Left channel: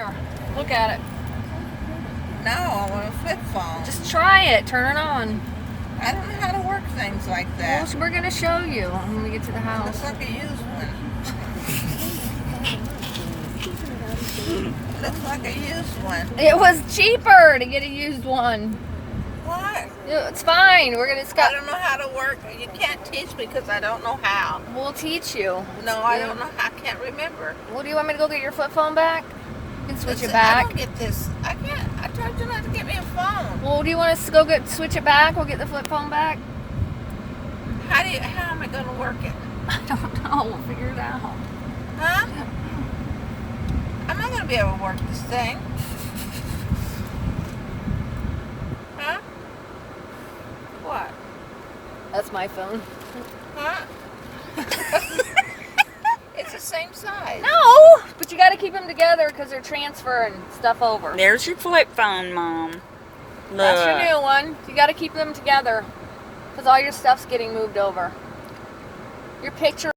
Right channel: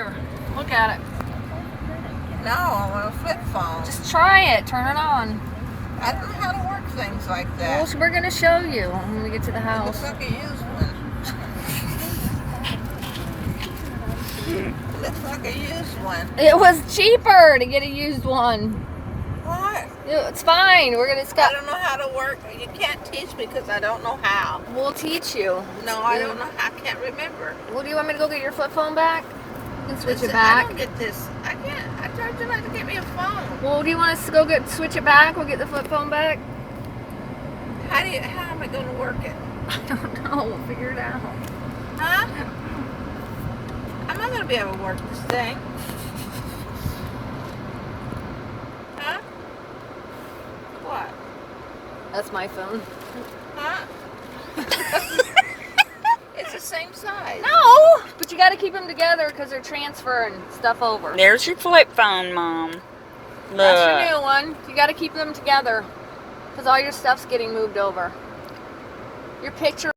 Here, look at it. No, I want a flip phone. Just try it. Turn it on. I don't know how to work things like that. Well, we're gonna show you when we get to the It house. looks like a used one. It looks like a used one. It was cheaper to get a used one. What? It's fine. We're gonna. I don't know how to work. You can't teach me because I don't know how. We'll teach you. No, I don't know how. I can't remember. Well, do you want me to go get your flip phone back? You can switch it I back. don't get this. I can't. I told you not to get me a phone. Well, do you want us to go switch it back? We'll get the flip phone back. How am I going to work it? I don't know. We'll figure it out. Huh? I'm not going to be able to work this thing. Huh? What? That's my phone. Huh? It's the same size. No, but you got to keep them together because they're transferring stuff over. There's your flip phone, Mom. Look. That's your new one. You got to keep them together because all your stuff's getting moved over. Your picture.